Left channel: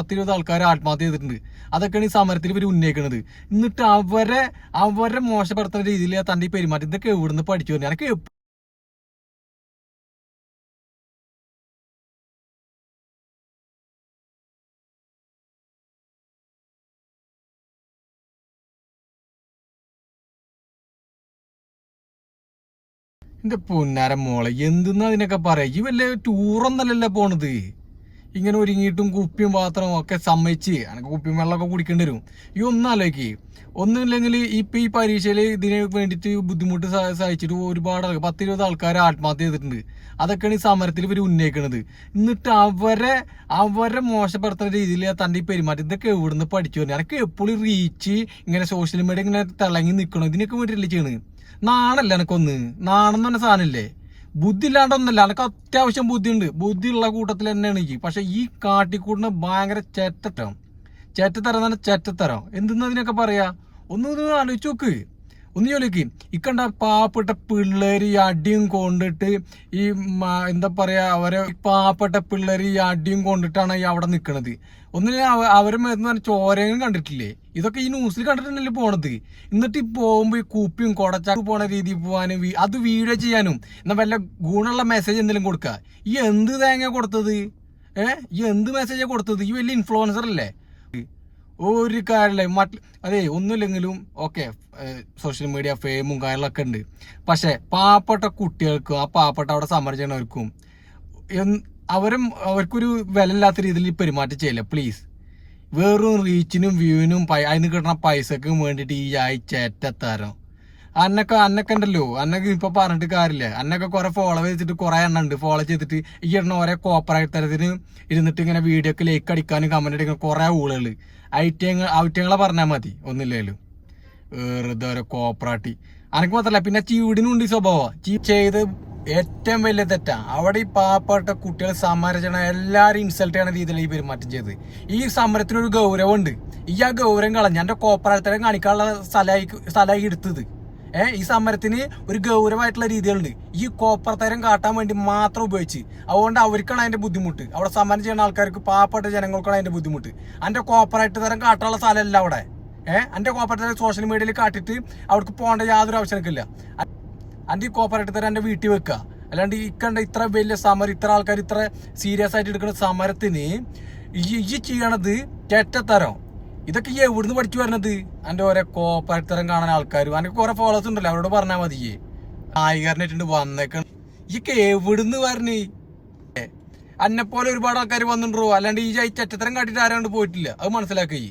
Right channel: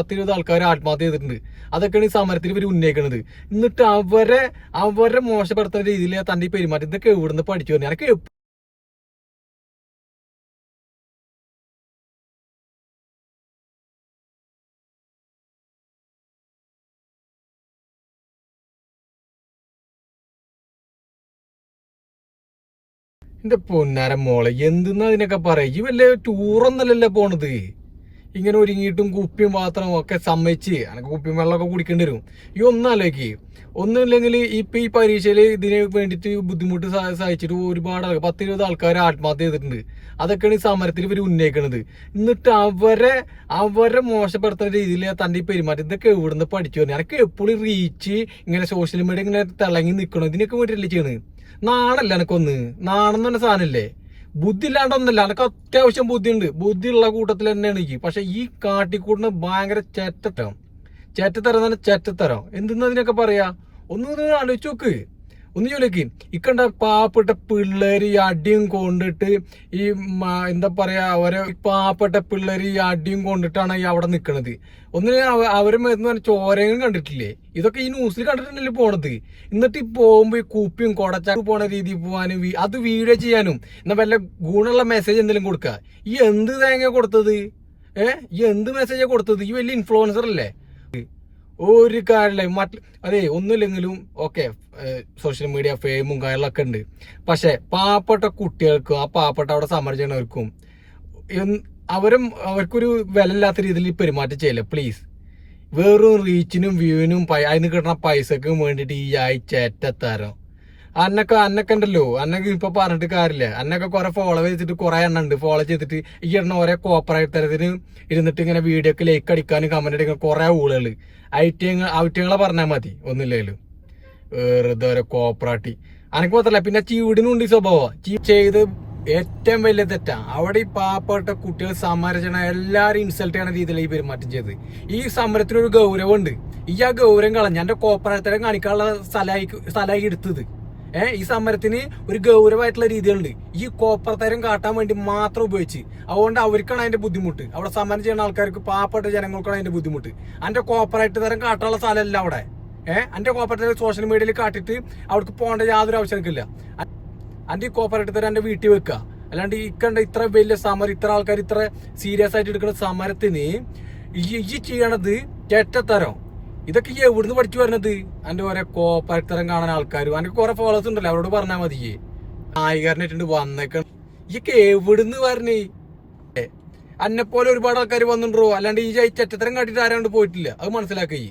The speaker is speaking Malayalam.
10-20 ആൾക്കാർ ആത്മഹത്യ ചെയ്തിട്ടുണ്ട്. അതൊക്കെയാണ് ഈ സമരത്തിൽ ഇവർ ഉന്നയിക്കുന്നത്. എന്നിട്ട് അവരെ മോശപ്പെടുത്തുന്ന രീതിയിൽ തന്റെ പെരുമാറ്റം ഇതൊക്കെ എവിടുന്ന് പഠിച്ചു വരുന്നത്? എനിക്ക് എന്റെ പൊന്നാര മോളെ, എന്തെന്നാ അതിനൊക്കെ പറയാ? ഈ വല്ല ടൂറൊന്നല്ലല്ലോ പോണത്. ഇങ്ങനെ ഒരുങ്ങിയിട്ടും കുപ്പിയും പാത്രവും ഒക്കെ സമ്മതിച്ച് എനിക്ക് കുപ്പിയും വെള്ളമൊക്കെ കുടിക്കേണ്ടി വരും. ഈ ഒന്നാലേക്ക് ഒന്നുമില്ലെങ്കിൽ ഇപ്പൊ ഈ പരീക്ഷയിൽ ഇതിന് വേണ്ടിയിട്ട് ബുദ്ധിമുട്ട് സഹിച്ചിട്ട് ഒരുപാട് 10-20 ആൾക്കാർ ആത്മഹത്യ ചെയ്തിട്ടുണ്ട്. അതൊക്കെയാണ് ഈ സമരത്തിൽ ഇവർ ഉന്നയിക്കുന്നത്. എന്നിട്ട് അവരെ മോശപ്പെടുത്തുന്ന രീതിയിൽ തന്റെ ഈ പെരുമാറ്റം ഇതൊക്കെ എവിടുന്ന് പഠിച്ചു വരുന്നത്? എനിക്ക് എപ്പോഴും റീച്ച് ഇങ്ങനെ സോഷ്യൽ മീഡിയ ഇങ്ങനെ തിളങ്ങി നിൽക്കണം. ഇതിനൊക്കെ വേണ്ടിയിട്ടല്ലേ ചെയ്യണത്? നാണല്ല എനക്കൊന്ന്? നാണം എന്ന് പറഞ്ഞ സാധനല്ലേ? ബുദ്ധി ഇല്ലാണ്ടൊന്നല്ല, എനക്ക് അത്യാവശ്യം ബുദ്ധിയുണ്ട്. ബുദ്ധിയുള്ള കൂട്ടത്തിൽ തന്നെയാണ് എനിക്ക്. പക്ഷെ ഈ കാട്ടിക്കൂട്ടിന് ഭയങ്കര ചേറ്റത്തരം തന്നെ ചേറ്റത്തരം. എന്തെന്നതിനൊക്കെ പറയാ? ഒന്ന് ആലോചിച്ച് നോക്ക്. ഒന്ന് ചോദിക്ക്. ഇക്കണ്ട പാവപ്പെട്ട പിള്ളേര് ഈ അടിയും കൊണ്ടിട്ട് ഈ എന്താ പറയാ, അവരെ പാവപ്പെട്ട പിള്ളേര് ഈ അടിയും കൊണ്ടിട്ടാണ് ഈ അവിടെ നിക്കണത്. അവരെ മേന്ന് ചോരയും കണ്ടിട്ടില്ലേ? ഇതൊക്കെ ഈ ന്യൂസിൽ കണ്ടിട്ടുണ്ടല്ലേ പോണത്. എന്നിട്ട് ഈ പോകുമ്പോ ഈ കുപ്പിയും കൊടച്ചാക്ക് പോണ രീതിയിൽ പോകാനും അത് വീഡിയോ ചെയ്യാനും എന്നാ വല്ല ഗുണമുള്ള മെസ്സേജ് എന്തെങ്കിലും കൊടുക്കുക. ഈ എന്ത് തേങ്ങ കൊടുത്തത്? ഈ എന്ത് മെസ്സേജാ കൊടുത്തത്? ഈ വലിയ ഇൻഫ്ലുവൻസർ അല്ലേ? ഒരു കാര്യമില്ല. അതെ, ഒന്നുമില്ലെങ്കിലും ഓക്കെ, സോഷ്യൽ മീഡിയ ഫെയിമും കാര്യങ്ങളൊക്കെ ഉണ്ട്. പക്ഷെ പാവപ്പെട്ട കുട്ടികൾക്കും ആ പാവപ്പെട്ട അവിടെ സമരം ചെയ്യണവർക്കും അവർക്കൊരു വില ഇല്ലാത്ത രീതിയിൽ പെരുമാറ്റം ചെയ്യില്ല പ്ലീസ്. വെറും റീച്ചിനും വ്യൂവിനും അതിന് കിട്ടുന്ന പൈസക്കും വേണ്ടിയിട്ട് ഈ ആഴ്ചേറ്റത്തരം അന്നൊക്കെ ഉണ്ടല്ലോ. അന്നൊക്കെ ഇപ്പൊ പറഞ്ഞിട്ട് കാര്യമില്ല. അന്നൊക്കെ കുറെ ഫോളോ ചെയ്തിട്ട് കുറെ എണ്ണം ഉണ്ട്. ഫോളോ ചെയ്തിട്ട് ഈ എണ്ണ ഓരോ കോപ്പറേറ്റ് തരത്തിന് ഇരുന്നിട്ട് ഇങ്ങനെ വീഡിയോക്ക് ലൈക്ക് അടിക്കാനും കമന്റ് അടിക്കാനും കുറെ ഊളുകള് ഔറ്റങ്ങളെ പറഞ്ഞാൽ മതി. ഒന്നുമില്ലേലും വെറുതെ ഓരോ കോപ്പറാട്ടി. അനക്ക് മാത്രല്ല, പിന്നെ ചീവിടിനുണ്ട് ഈ സ്വഭാവം. ചെയ്ത് ഏറ്റവും വലിയ തെറ്റാ. അവിടെ ഈ പാവപ്പെട്ട കുട്ടികൾ സമരം ചെയ്യണ എല്ലാരും ഇൻസൾട്ട് ചെയ്യണ രീതിയിലാണ് ഈ പെരുമാറ്റം ചെയ്തത്. ഈ സമരത്തിനൊരു ഗൗരവമുണ്ട്. ഈ ആ ഗൗരവം കളഞ്ഞ എന്റെ കോപ്പറേറ്ററെ കാണിക്കാനുള്ള സ്ഥലമായി എടുത്തത്. ഈ സമരത്തിന് ഒരു ഗൗരവമായിട്ടുള്ള രീതികളുണ്ട്. ഈ കോപ്പറത്തരം കാട്ടാൻ വേണ്ടി മാത്രം ഉപയോഗിച്ച്. അതുകൊണ്ട് അവർക്കാണ് അതിന്റെ ബുദ്ധിമുട്ട്. അവിടെ സമരം ചെയ്യുന്ന ആൾക്കാർക്ക്, പാവപ്പെട്ട ജനങ്ങൾക്കാണ് അതിന്റെ ബുദ്ധിമുട്ട്. അതിന്റെ കോപ്പറേറ്റ് തരം കാട്ടാനുള്ള സ്ഥലമല്ല അവിടെ. എന്റെ കോപ്പറേറ്റ് സോഷ്യൽ മീഡിയയിൽ കാട്ടിട്ട് അവർക്ക് പോകേണ്ട യാതൊരു ആവശ്യമൊന്നുമില്ല. അന്റെ ഈ കോപ്പറേറ്റ് തരം എന്റെ വീട്ടിൽ വെക്കുക. അല്ലാണ്ട് ഈ കണ്ട ഇത്ര വലിയ സമരം, ഇത്ര ആൾക്കാർ ഇത്ര സീരിയസ് ആയിട്ട് എടുക്കുന്ന സമരത്തിന് ഈ ചെയ്യണത് ചേറ്റത്തരം. ഇതൊക്കെ ഈ എവിടുന്ന് പഠിച്ചു വരുന്നത്? എന്റെ ഓരോ കോപ്പറേറ്റരം കാണാൻ ആൾക്കാരും എനിക്ക് കുറെ ഫോളോവേഴ്സ് ഉണ്ടല്ലോ, അവരോട് പറഞ്ഞാൽ മതിയേ. നായികാരനായിട്ടുണ്ട് വന്നേക്ക. ഇതൊക്കെ എവിടുന്ന് വരണേ? അന്നെപ്പോലെ ഒരുപാട് ആൾക്കാർ വന്നിട്ടുണ്ടോ? അല്ലാണ്ട് ഈ ചേറ്റത്തരം കാട്ടിട്ട് ആരാണ്ട് പോയിട്ടില്ല. അത് മനസ്സിലാക്കി.